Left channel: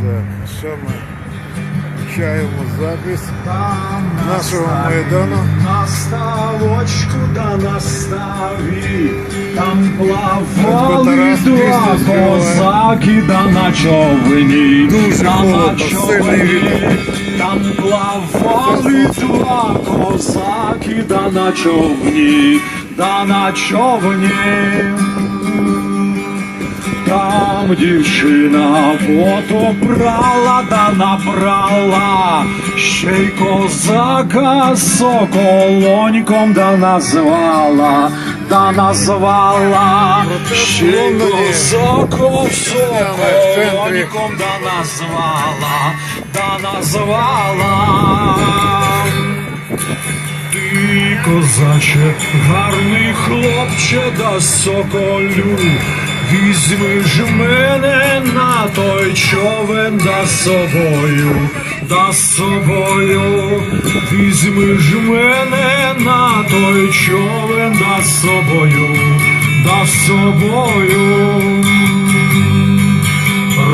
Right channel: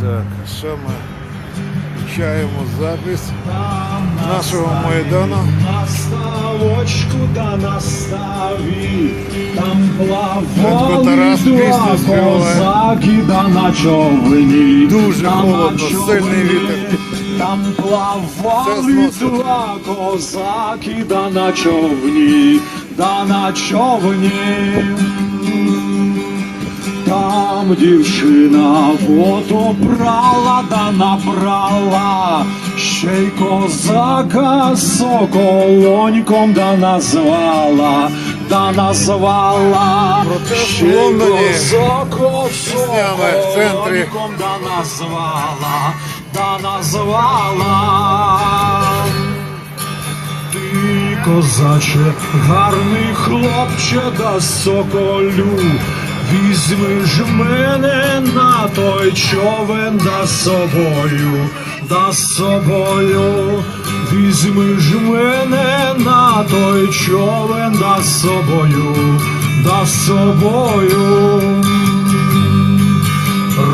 Так, що ми включаємо запис нашого майдану. На ставочку да на ставі, там плавали два козаки да на човні. Дуже холодно, сильний вітер. Там плавали два козаки да на човні, да на човні. Там дівчина фото брала да набрала, ще й козака соколоньком да назвала, да назвала. Протест в Ще й Лондоні козака піснями в центрі. соколоньком Да назвала, да назвала. Ти, козаче, гарний хлопче да соколю, візьми ж мене на той човен да собою, да собою, візьми ж мене на той човен да собою, да собою.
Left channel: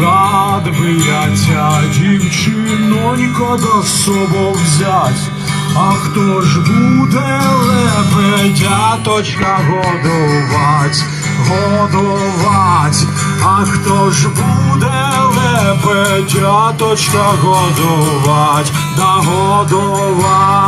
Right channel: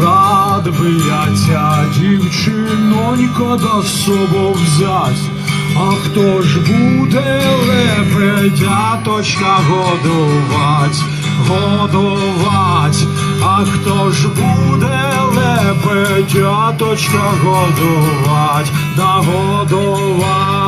Рад би я тя, дівчинонько, до собою взять. А хто ж буде лебедяточка годувать, годувать, а хто ж буде лебедяточка годувать, да годувать.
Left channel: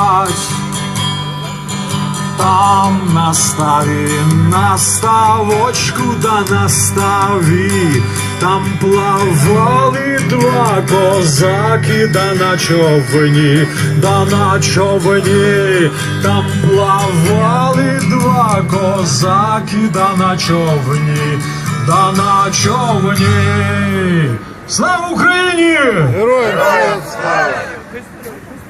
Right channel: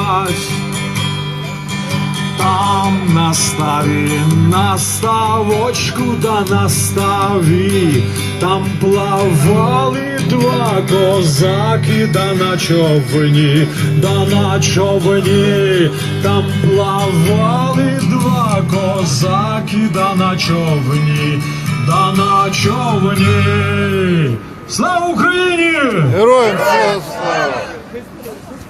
Там на ставі, на ставочку да на ставі, там плавали два козаки, да на човні, да на човні, там плавали козаки, да на човні, да на човні. Слава Україні! Героям слава!